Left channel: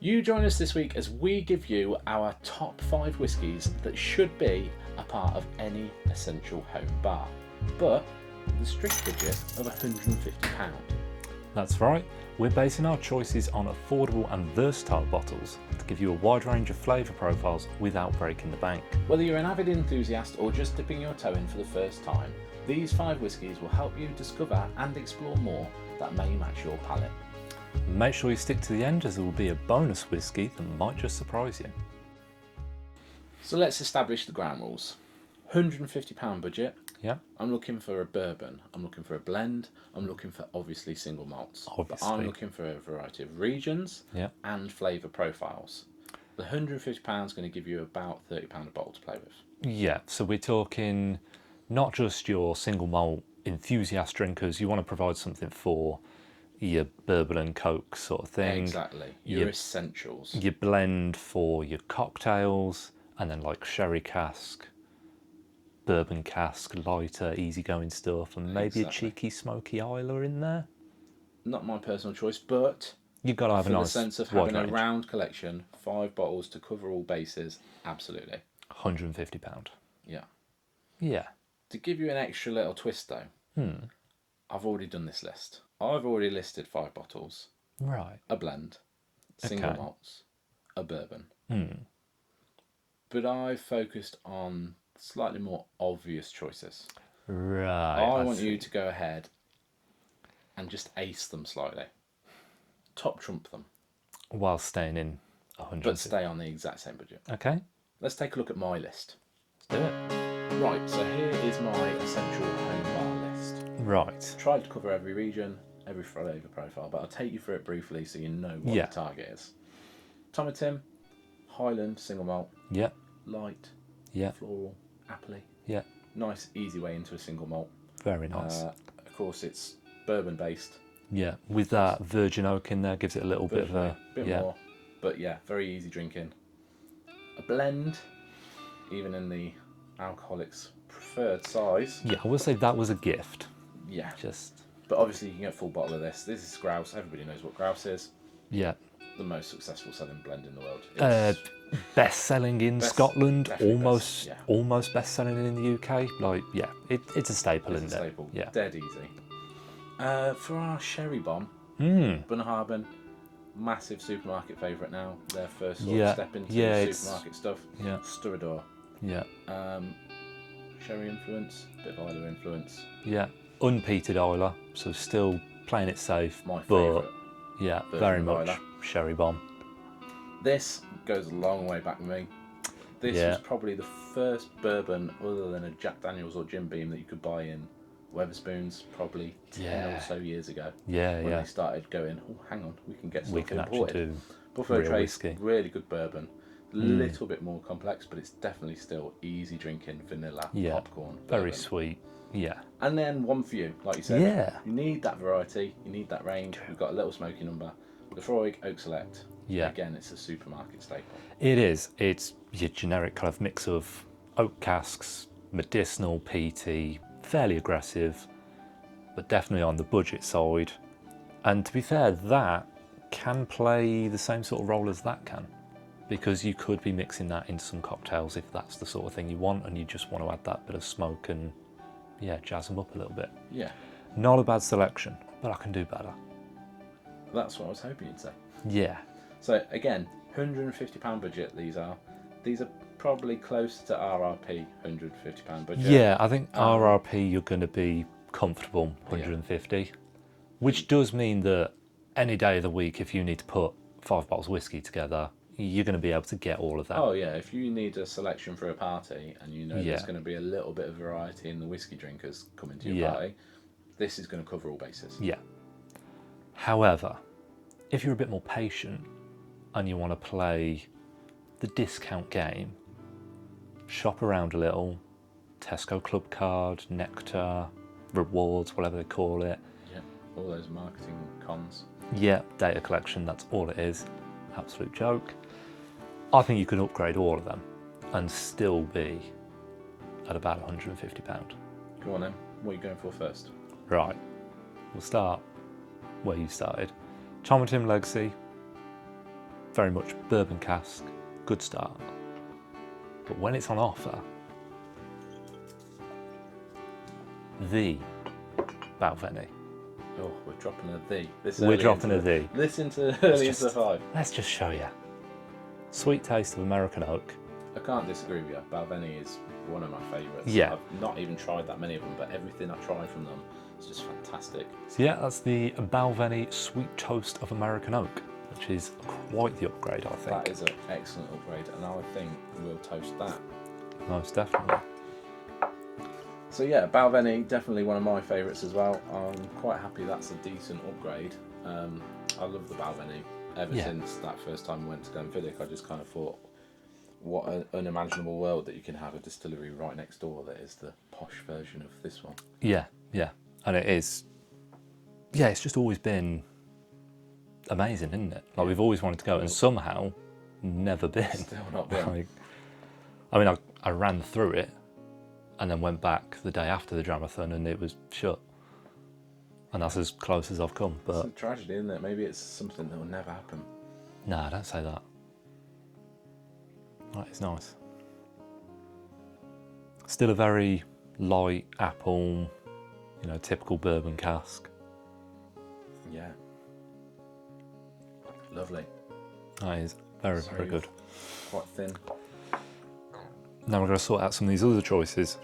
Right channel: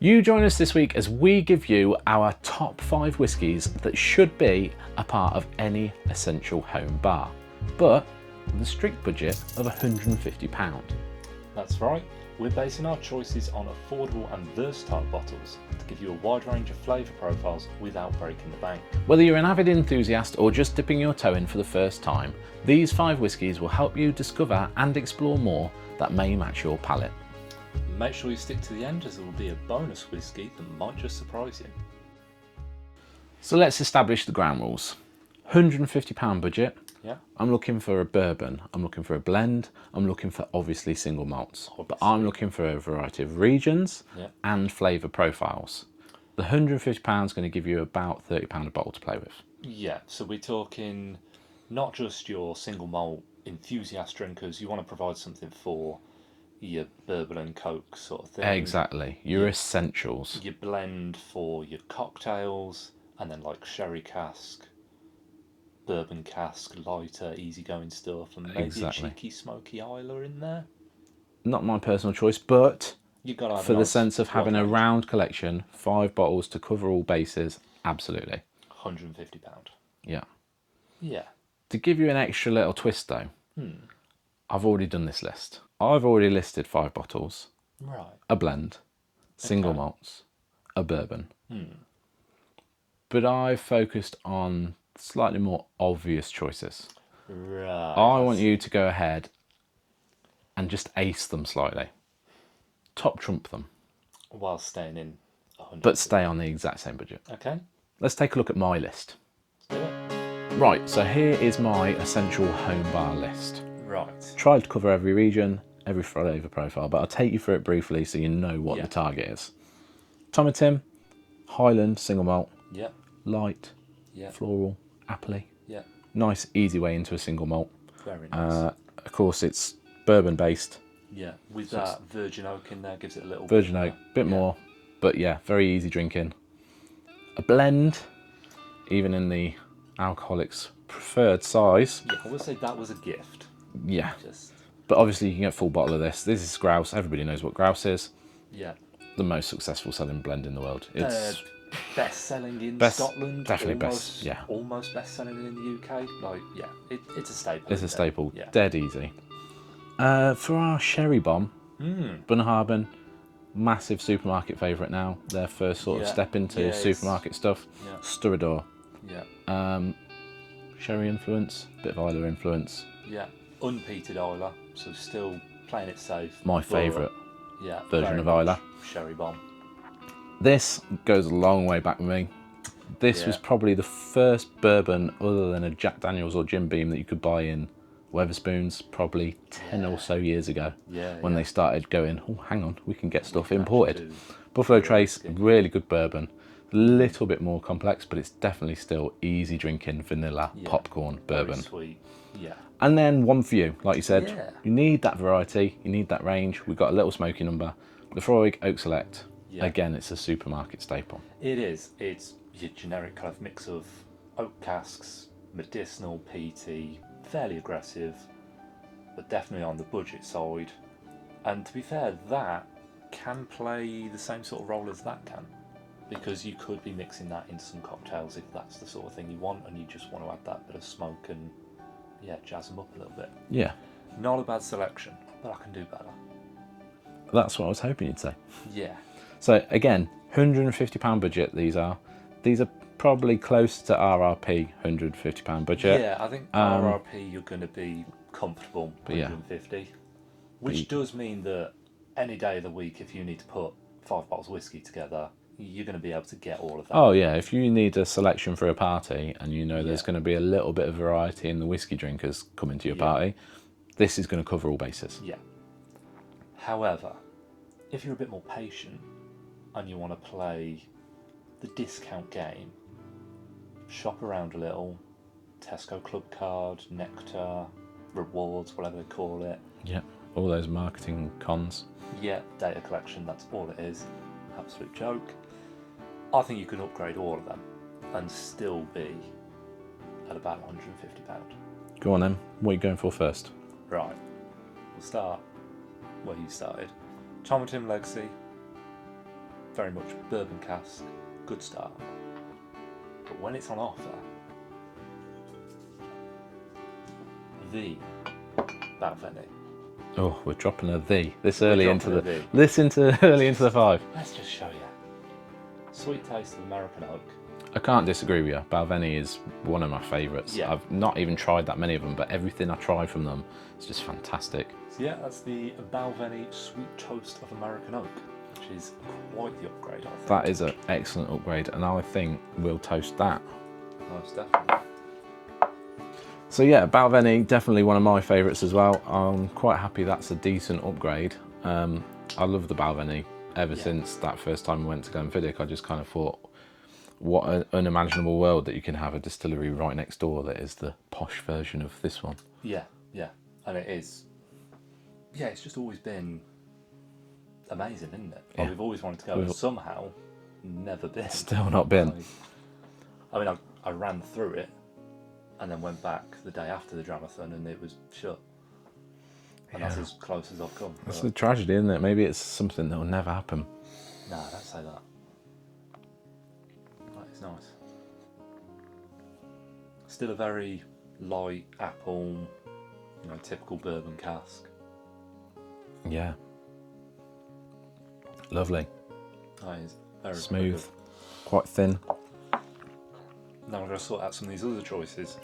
You join us this week as we give you our top 5 whiskies that should be a part of any essential home bar, but with a strict budget of £150. That's right, we're basing our choices on affordable and versatile bottles to give you a wide range of flavour profiles without breaking the bank. Whether you're an avid enthusiast or just dipping your toe in for the first time, these 5 whiskies will help you discover and explore more that may match your palate. Make sure you stick to the end, as there will be a bonus whisky that might just surprise you. So let's establish the ground rules. £150 budget. Yeah. I'm looking for a bourbon, I'm looking for a blend, I'm looking for obviously single malts. But I'm looking for a variety of regions and flavour profiles. The £150 is going to give you about £30 a bottle to play with. Yeah, so we're talking not just your single malt enthusiast drinkers, you want to provide something for your bourbon and coke sort of thing. Exactly, your essentials. Your blend for your cocktails, and then like sherry cask, bourbon cask, lighter, easygoing stuff, and maybe a cheeky smoky Isla in there. Not my personal choice, but You've got to have for the sense of having a round collection, 5 bottles to cover all bases, absolutely. £150. Yeah. Yeah. To give you an extra little twist though, I've already done this list. I've already listed 5 bottles, Right. a blend, single malts, a bourbon. But I've focused on slightly more obvious choices. Right. I want you to go ahead and just ace them slightly. Top trump them. While staying in 100. But stay on the exact same budget. Okay. Let's take a look at my list. Let's do it. Right, so here is my essential home bar list. Right. Tried to cover every region, every flavour profile, but I'll take you through it briefly so you know what the target is. Tom and Tim, Highland single malt. Yep. Light. Yep. Floral. Appley. Yep. Nice, easy way into a single malt. Very nice. Of course, it's bourbon based. Yeah, with that virgin oak in there, gives it a little Virgin oak, bit more, but yeah, very easy drinking. A blend, even in the alcoholic's preferred size. Yeah, I will say that was a gift. Yeah. Just. But obviously you can get a full bottle of this. This is grouse. Everybody knows what grouse is. Yeah. The most successful selling blend in the world. It's best selling in Scotland. Definitely almost best selling in the UK. Like, yeah, it's a staple. It's a staple. Yeah. Dead easy. For our sherry bomb, Bunnahabhain, massive supermarket favourite now. Their first sort of step into supermarket stuff. Yeah. Sturador. Yeah. Sherry influence, bit of Isla influence. Yeah. Unpeated Isla, so still playing it safe. My favourite version of Isla. Sherry bomb. This goes a long way back with me. This was probably the first bourbon other than a Jack Daniels or Jim Beam that you could buy in Wetherspoons, probably 10 or so years ago. When they started going, oh, hang on, we can get stuff imported. Buffalo Trace, really good bourbon. A little bit more complex, but it's definitely still easy drinking vanilla popcorn bourbon. Very sweet. Yeah. And then one for you, like you said. You need that variety, you need that range. We've got a little smoky number. Laphroaig Oak Select. Again, it's a supermarket staple. It is. It's your generic kind of mix of oak casks, medicinal, peaty, fairly aggressive, but definitely on the budget side. And to be fair, that can play the same sort of role as that can, because you could be mixing that into some cocktails if that's the sort of thing you want and you just want to add that bit of smoke and jazz them up a little bit. Yeah. Not a bad selection, but I can do better. That's what I was hoping you'd say. Yeah. So again, £150 budget these are. These are probably close to RRP, £150 budget. Yeah, I think RRP you're going to be comfortable, 150. Which does mean that any day of the week, if you need to put 5 bottles of whiskey together, you're going to be able to get all of that. Oh yeah, if you need a selection for a party and you know there's going to be a little bit of variety in the whiskey drinkers coming to your party, this is going to cover all bases. Yeah. However, if you're a bit more patient and you want to play the discount game, shop around a little, Tesco Club Card, Nectar, Rewards, whatever they call it. Yeah, all those marketing cons. Yeah, data collection, that's all it is. Absolute joke. I think you could upgrade all of them and still be at about £150. Go on then, what are you going for first? Right, we'll start where you started. Tom and Tim Legacy, very much bourbon cask, good start. But when it's on offer, the Balvenie. Oh, we're dropping a the this We're early dropping into a the. this into early into the 5. Let's just show you. Sweet taste of American oak. I can't disagree with you. Balvenie is one of my favourites. Yeah. I've not even tried that many of them, but everything I tried from them is just fantastic. So yeah, that's the Balvenie Sweet Toast of American Oak, which is quite the upgrade, I think. That is an excellent upgrade, and I think we'll toast that. Most definitely. So yeah, Balvenie, definitely one of my favourites as well. I'm quite happy that's a decent upgrade. I love the Balvenie. Ever since that first time we went to Glenfiddich, I just kind of thought, what an unimaginable world that you can have a distillery right next door that is the posh version of this one. Yeah, yeah. And it is, yeah, it's just always been amazing, isn't it? Like, we've always wanted to go and somehow never been. Still not been. Like, I mean, I ran through it and then went back the day after the Dramathon and it was shut. And that's as close as I've come. It's But a tragedy, isn't it? Maybe it's something that will never happen. no, don't say that. That is nice. Still a very light apple, you know, typical bourbon cask. Yeah. Lovely. That is very, very Smooth. good. Quite thin. Now we're going to sort out some of these other choices.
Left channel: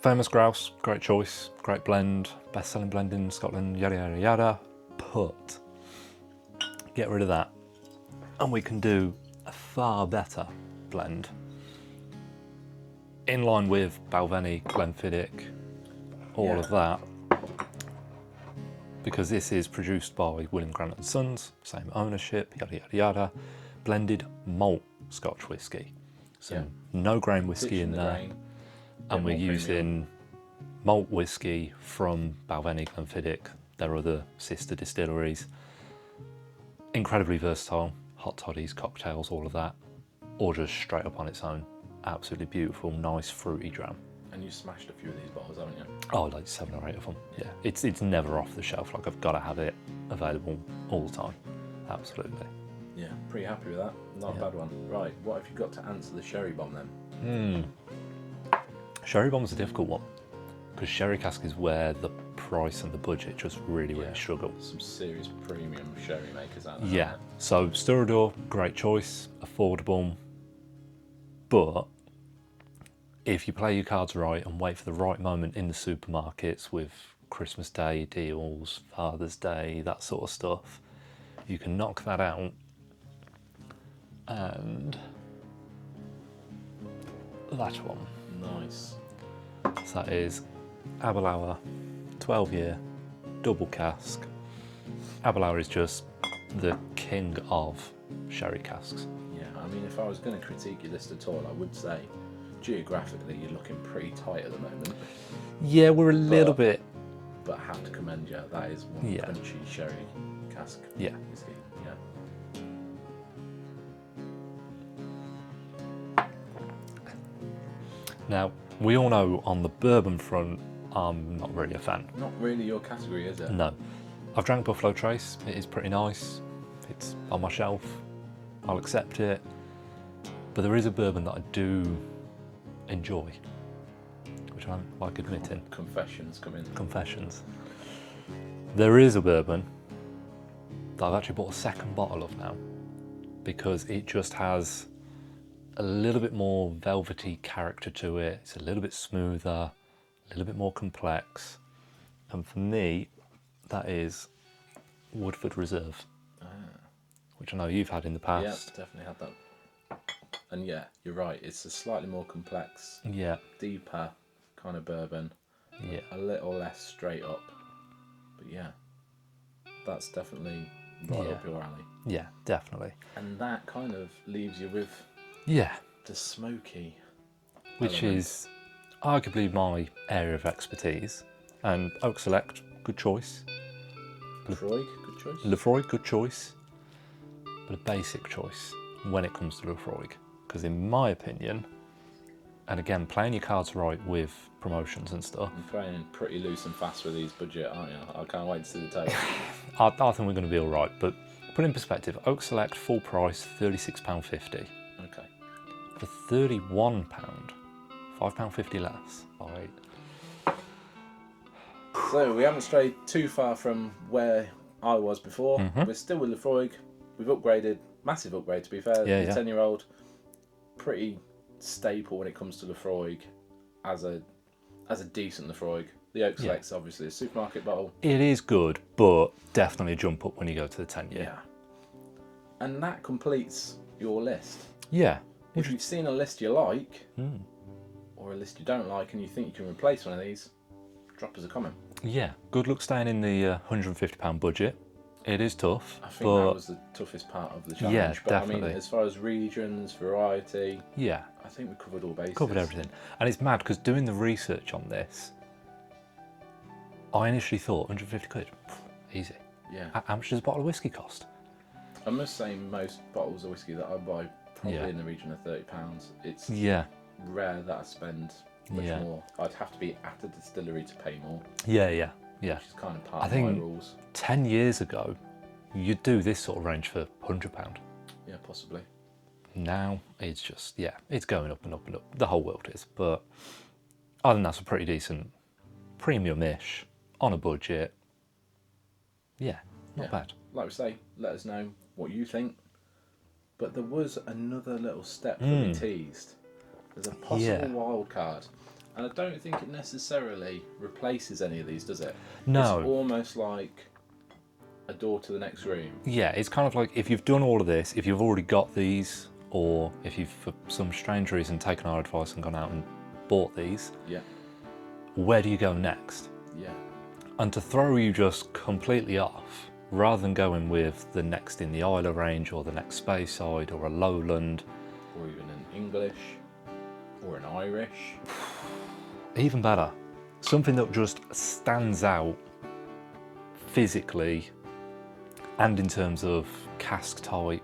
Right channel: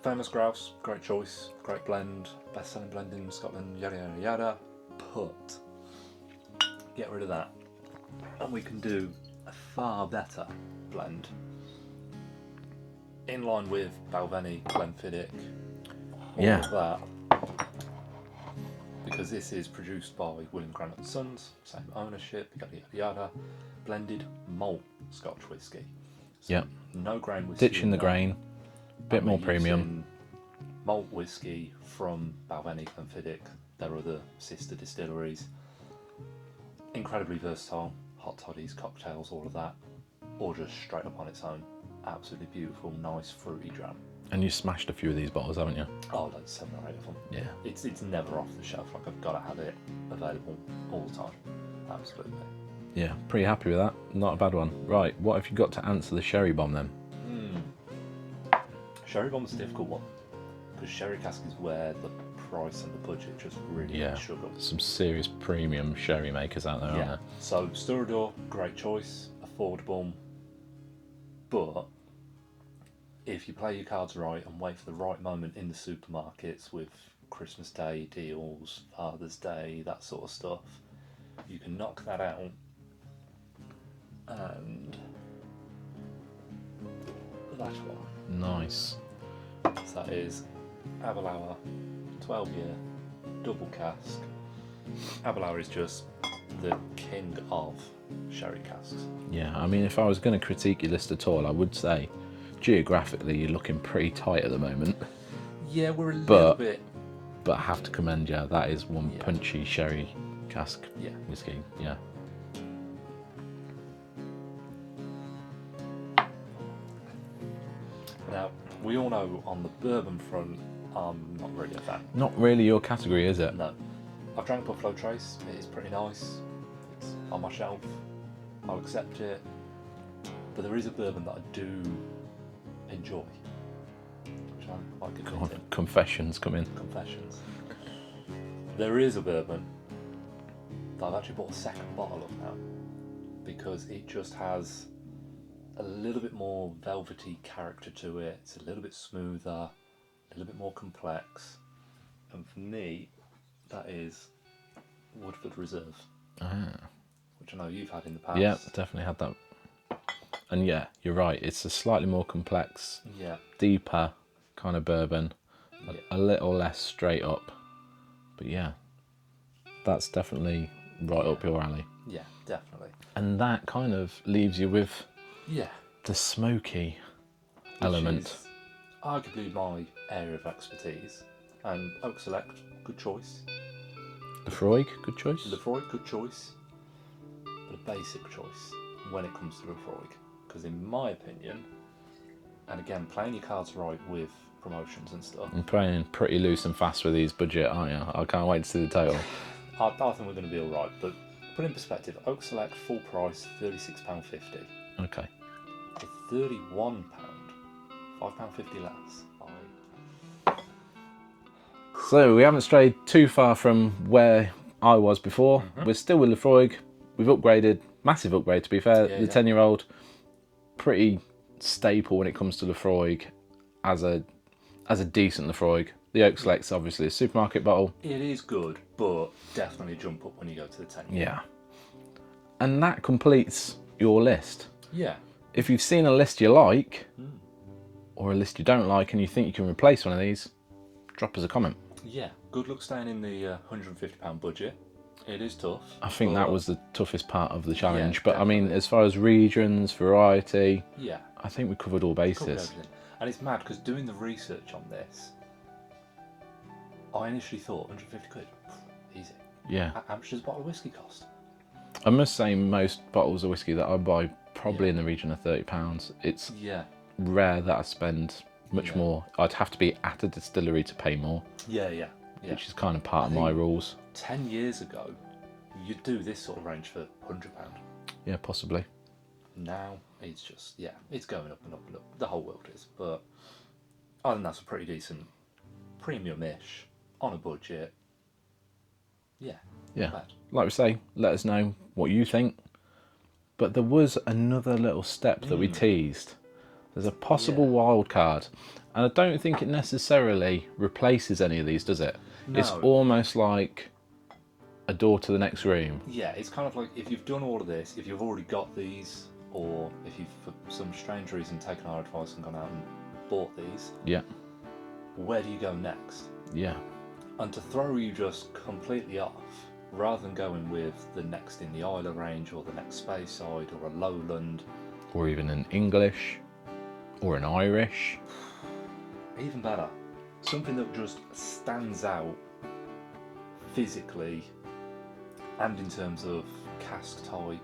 Famous Grouse, great choice, great blend, best-selling blend in Scotland, yada yada yada. But get rid of that, and we can do a far better blend. In line with Balvenie, Glenfiddich, all of that. Because this is produced by William Grant and Sons, same ownership, yada yada yada. Blended malt Scotch whisky. So no grain whisky. Ditching the there. grain. Bit And more we're premium. using malt whisky from Balvenie, Glenfiddich, their other sister distilleries. Incredibly versatile, hot toddies, cocktails, all of that, or just straight up on its own. Absolutely beautiful, nice fruity dram. And you smashed a few of these bottles, haven't you? Oh, like 7 or 8 of them. Yeah, it's never off the shelf. Like, I've got to have it available all the time. Absolutely. Yeah, pretty happy with that. Not a bad one. Right, what have you got to answer the sherry bomb then? Sherry bomb's a difficult one because sherry cask is where the price and the budget just really struggle. Some serious premium sherry makers out there. Yeah. Aren't So Sturador, great choice, affordable, but if you play your cards right and wait for the right moment in the supermarkets with Christmas Day deals, Father's Day, that sort of stuff, you can knock that out. And that one. Nice. So that is Aberlour, 12-year, double cask. Aberlour is just the king of sherry casks. Yeah, I mean, if I was going to critique your list at all, I would say geographically you're looking pretty tight at the moment. Yeah, we're a little bit. But I have to commend you, that is one Yeah. punchy sherry cask whiskey. Yeah. Now, we all know on the bourbon front, I'm not really a fan. Not really your category, is it? No. I've drank Buffalo Trace, it is pretty nice. It's on my shelf, I'll accept it. But there is a bourbon that I do enjoy, which I like admitting. Confessions come in. Confessions. There is a bourbon that I've actually bought a second bottle of now because it just has a little bit more velvety character to it. It's a little bit smoother, a little bit more complex. And for me, that is Woodford Reserve, which I know you've had in the past. Yeah, definitely had that. And yeah, you're right. It's a slightly more complex, deeper kind of bourbon. Yeah. A little less straight up. But yeah, that's definitely right up your alley. Yeah, definitely. And that kind of leaves you with Yeah, the smoky which element. is arguably my area of expertise. And Oak Select, good choice. Laphroaig, good choice. Laphroaig, good choice. But a basic choice when it comes to Laphroaig. Because in my opinion, and again, playing your cards right with promotions and stuff, I'm playing pretty loose and fast with these budget, aren't you? I can't wait to see the total. I think we're going to be all right. But Put in perspective, Oak Select full price £36.50. Okay. For £31, £5.50 less. Right. So we haven't strayed too far from where I was before. Mm-hmm. We're still with Laphroaig. We've upgraded, massive upgrade to be fair. Yeah, The yeah. 10-year-old, pretty staple when it comes to Laphroaig as a decent Laphroaig. The Oak Select's obviously a supermarket bottle. It is good, but definitely a jump up when you go to the 10-year. Yeah. And that completes your list. Yeah. If you've seen a list you like, or a list you don't like, and you think you can replace one of these, drop us a comment. Yeah. Good luck staying in the £150 budget. It is tough. I think that was the toughest part of the challenge. Yeah, but I mean, definitely. as far as regions, variety, Yeah. I think we covered all bases. Covered everything. And it's mad because doing the research on this, I initially thought 150 quid, easy. Yeah. How much does a bottle of whiskey cost? I must say most bottles of whiskey that I buy probably in the region of £30. It's rare that I spend much more. I'd have to be at a distillery to pay more. Yeah. Which is kind of part of my rules. 10 years ago, you'd do this sort of range for £100. Yeah, possibly. Now it's just, it's going up and up and up. The whole world is. But I think that's a pretty decent premium-ish on a budget. Yeah, not bad. Like we say, let us know what you think. But there was another little step that we teased. There's a possible wild card. And I don't think it necessarily replaces any of these, does it? No. It's almost like a door to the next room. Yeah, it's kind of like if you've done all of this, if you've already got these, or if you've, for some strange reason, taken our advice and gone out and bought these, where do you go next? Yeah. And to throw you just completely off, rather than going with the next in the Isla range, or the next Speyside, or a Lowland, Or even an English, or an Irish. even better, something that just stands out physically and in terms of cask type,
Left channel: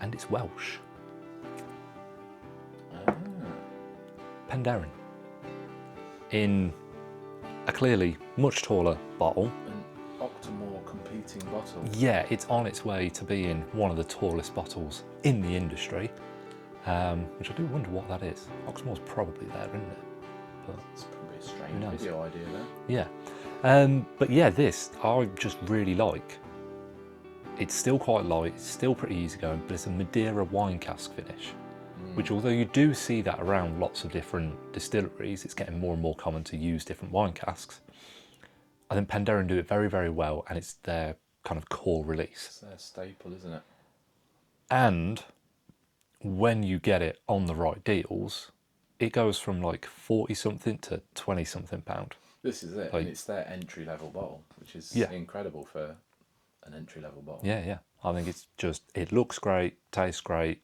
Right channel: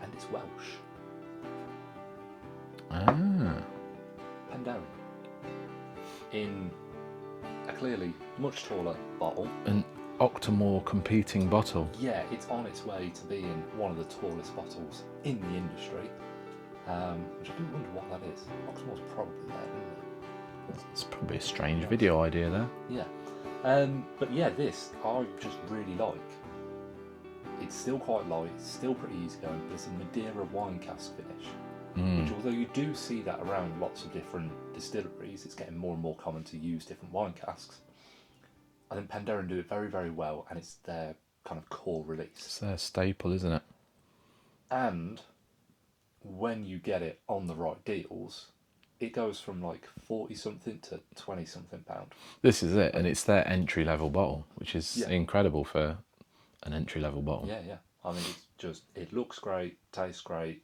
and it's Welsh. Penderyn. In a clearly much taller bottle. An Octomore competing bottle. Yeah, it's on its way to being one of the tallest bottles in the industry, which I do wonder what that is. Oxmore's probably there, isn't it? It's probably a strange video idea there. Yeah. But yeah, this I just really like. It's still quite light, it's still pretty easygoing, but it's a Madeira wine cask finish. Which, although you do see that around lots of different distilleries, it's getting more and more common to use different wine casks. I think Penderyn do it very, very well, and it's their kind of core release. It's their staple, isn't it? And when you get it on the right deals, it goes from like 40 something to 20 something pound. This is it, and it's their entry level bottle, which is incredible for an entry level bottle. Yeah. I think it's just, it looks great, tastes great.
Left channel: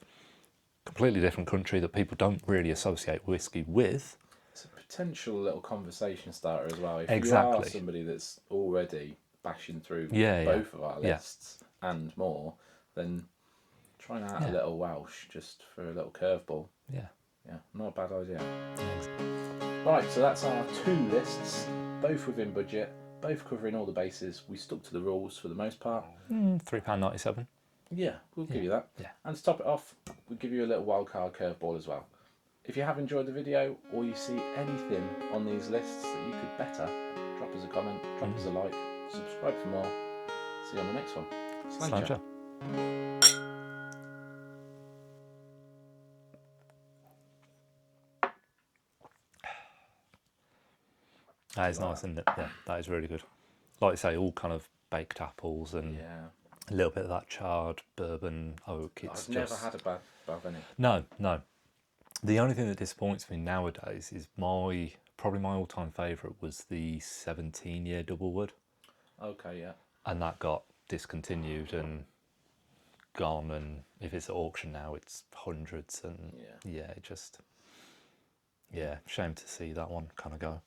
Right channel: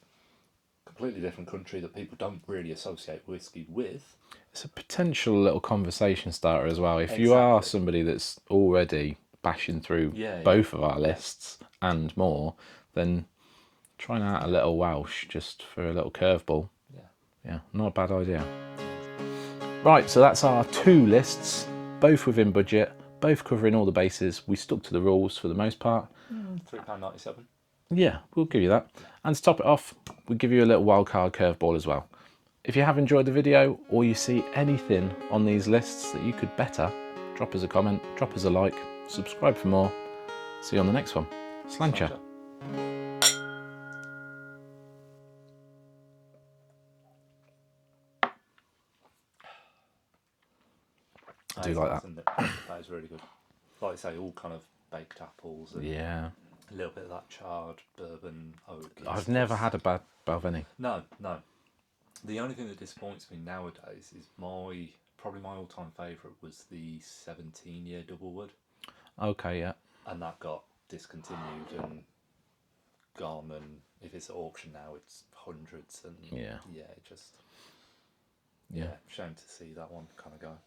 Completely different country that people don't really associate whiskey with. It's a potential little conversation starter as well. If you are somebody that's already bashing through both of our lists and more, then trying out a little Welsh just for a little curveball. Yeah, not a bad idea. Right, so that's our two lists, both within budget, both covering all the bases. We stuck to the rules for the most part. £3.97. Yeah, we'll give you that. And to top it off, we'll give you a little wildcard curveball as well. If you have enjoyed the video, or you see anything on these lists that you could better, drop us a comment, drop us a like, subscribe for more. See you on the next one. Sláinte. That is nice, isn't it? That is really good. Like I say, all kind of baked apples and a little bit of that charred bourbon oak. I've never had a bad Balvenie. No. The only thing that disappoints me nowadays is probably my all-time favourite was the 17-year double wood. Okay, yeah. And that got discontinued and gone, and if it's at auction now, it's hundreds, and shame to see that one kind of go.